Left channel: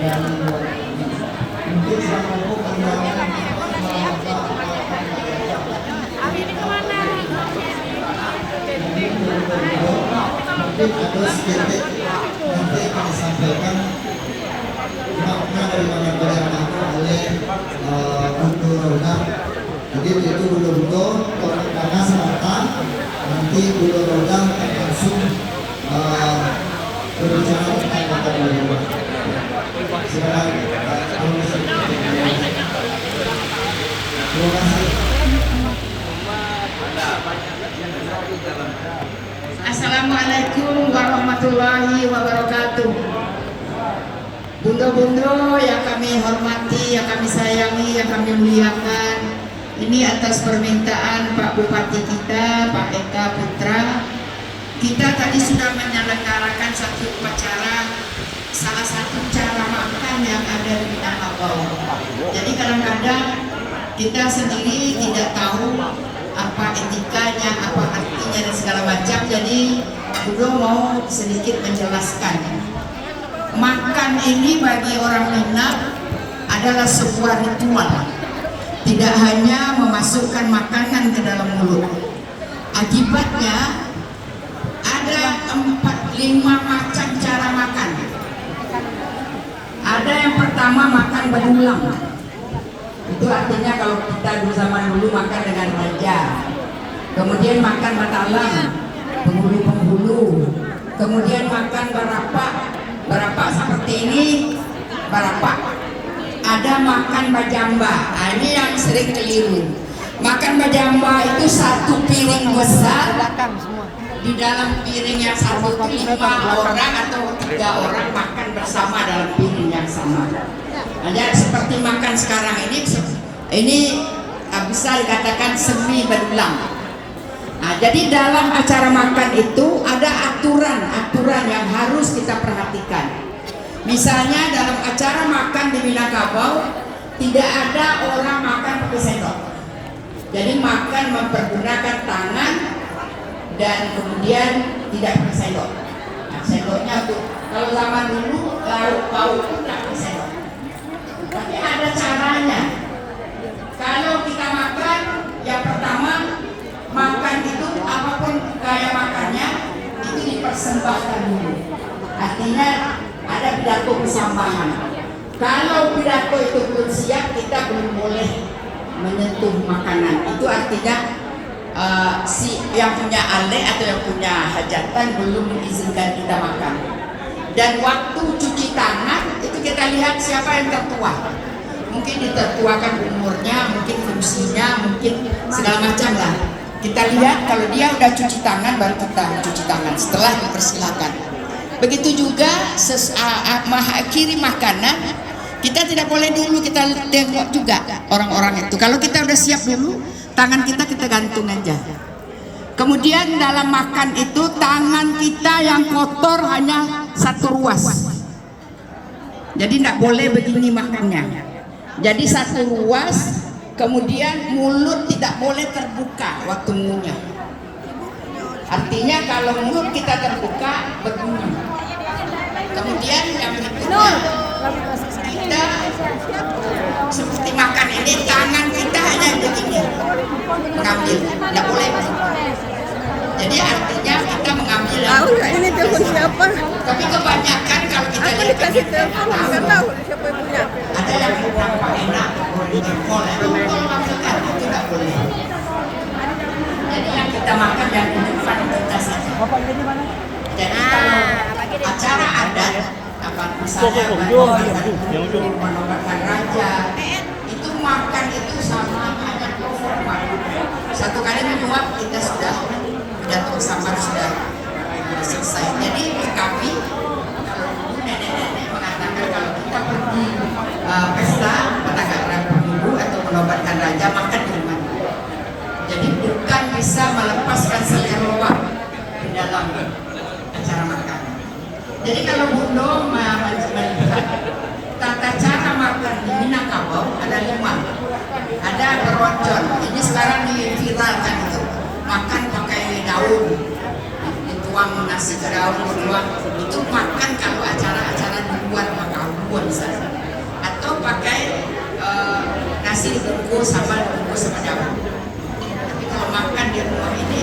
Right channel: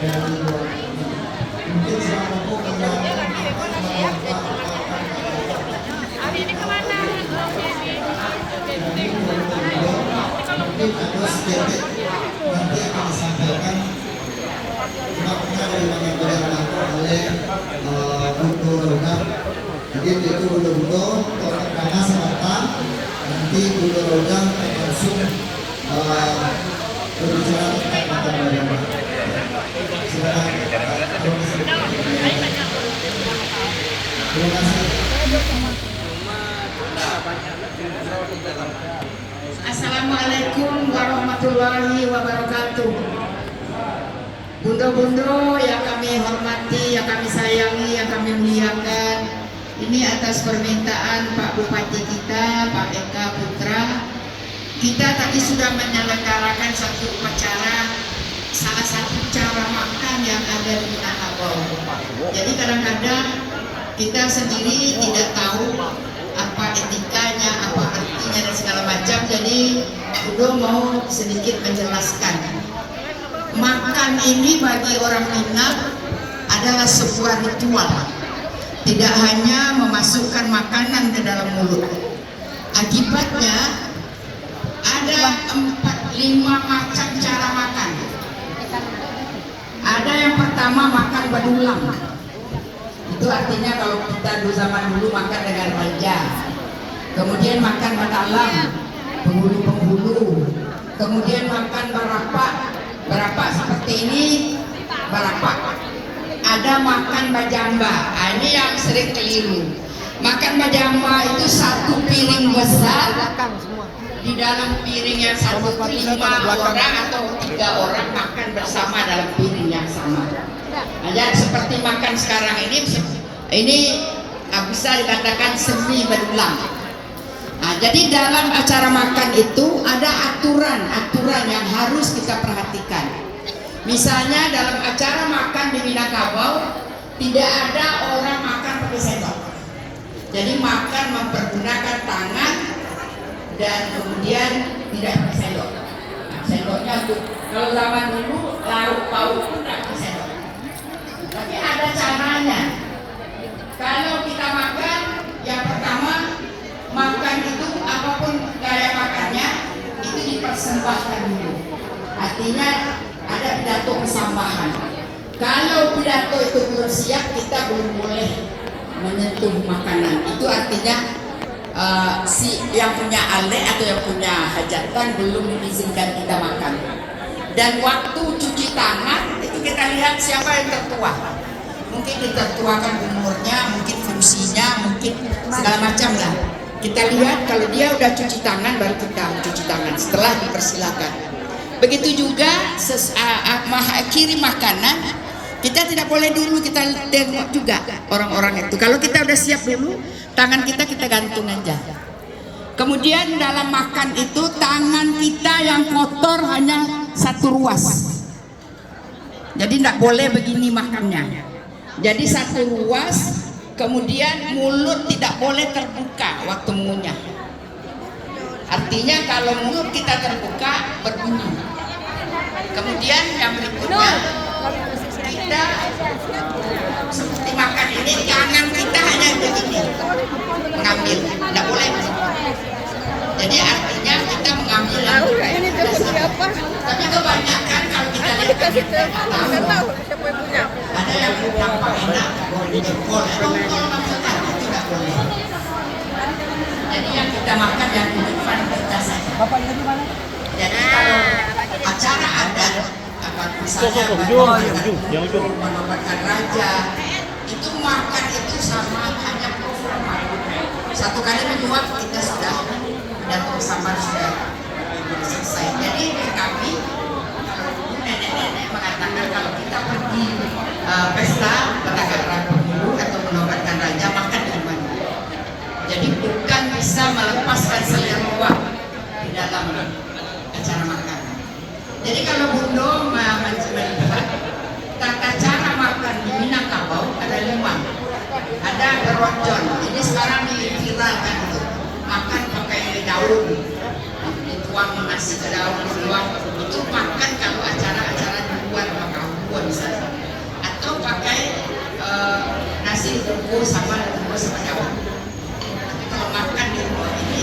Mungkin sama kok mungkin ada sedikit nanti akan disampaikan makna dari pengambilan itu oleh Budo Rogam. Jadi itu Budo kalau karena selatan nanti Budo Rogam langsung berbicara tentang kata bagaimana. Silakan. Terima kasih. Assalamualaikum warahmatullahi wabarakatuh. Bundo-bundo yang kami hormati, yang kami sayangi, yang kami muliakan, ini atas permintaan Pak Bupati kita, Pak Eka Putra, kita tadi sudah menyelenggarakan satu upacara, salah satu cara makan yang ada di Minangkabau. Jadi kadang-kadang kita sendiri tidak tahu apa etikanya, apa artinya dan segala macam. Jadi Budo mau sedikit menjelaskan. Makan ini bagi orang Minang adalah sebuah ritual. Tidak hanya memasukkan makanan ke dalam mulut. Akibatnya ada 4-5 macam cara makan. Ada yang pertama makan berulang. Itu artinya kalau kita di zaman dulu makan dengan raja. Kemudian makan batalang, penghulu-penghulu. Kemudian makan berapak seperti ini, berapak. Ada makan bajamba. Ini yang sering keliru. Makan bajamba itu satu piring besar. Di dalam piring yang satu 5 orang atau 3 orang makan bersama dalam piring yang sama. Nah, seperti makan sekarang ini bisa dikatakan semi berulang. Nah, jadi dalam acara makan itu ada aturan yang harus kita perhatikan. Misalnya dalam acara makan di Minangkabau tidak ada orang makan pakai sendok. Jadi makan mempergunakan tangan dan kemudian tidak pakai sendok. Nah, sendoknya kalau zaman dulu lauk pun tidak pakai sendok. Tapi ada caranya. Kalau kita makan, yang pertama makan itu apapun gaya makannya itu dipersembahkan dulu. Artinya ada pidato persambahan. Kalau pidato itu belum siap, kita belum boleh menyentuh makanan. Itu artinya si yang punya alek atau yang punya hajatan belum mengizinkan kita makan. Dan waktu cuci tangan itu kita lihat siapa yang tertua. Mungkin ditertuakan umurnya, mungkin fungsinya, mungkin segala macam lah. Kita lihat kalau dia udah cuci tangan baru kita cuci tangan setelah dipersilakan. Begitu juga mengakhiri makanan, kita tidak boleh dulu kita tengok juga orang-orang itu. Kalau kita udah siap dulu, tangan kita gantung aja. Kemudian dalam makan itu tangan kita yang kotor hanya satu ruas. Jadi tidak boleh begini makannya. Jadi satu ruas, kemudian mulut tidak boleh terbuka waktu mengunyah. Artinya kalau mulut kita terbuka berbunyi. Kemudian yang berikutnya kita seperti makan ini tangan kita hanya begini mengambil, tidak boleh. Jadi artinya kita mengambil tapi kebanyakan kalau kita lihat ada yang tampak enak boleh dijempol, makan itu tidak boleh. Jadi yang kita makan yang depan kita saja. Jadi kalau acara adat apa misalnya menobatkan raja itu makan itu sama hanya proforma. Satu kali menyuap kita sudah pidato bersama sudah selesai. Jadi kami kalau dulu nenek-nenek mengatakan kalau kita pergi pesta katakanlah pemilu atau menobatkan raja makan di rumah. Jadi bukan bisa melepaskan selera di dalam acara makan. Jadi kalau Budo melihat tata cara makan di Minangkabau ada 5. Ada beronjon. Ini sekarang diviralkan itu. Makan pakai daun, dituang nasi ke daun, dituang. Itu makan kalau acara-acara di luar Makau bisa. buku sama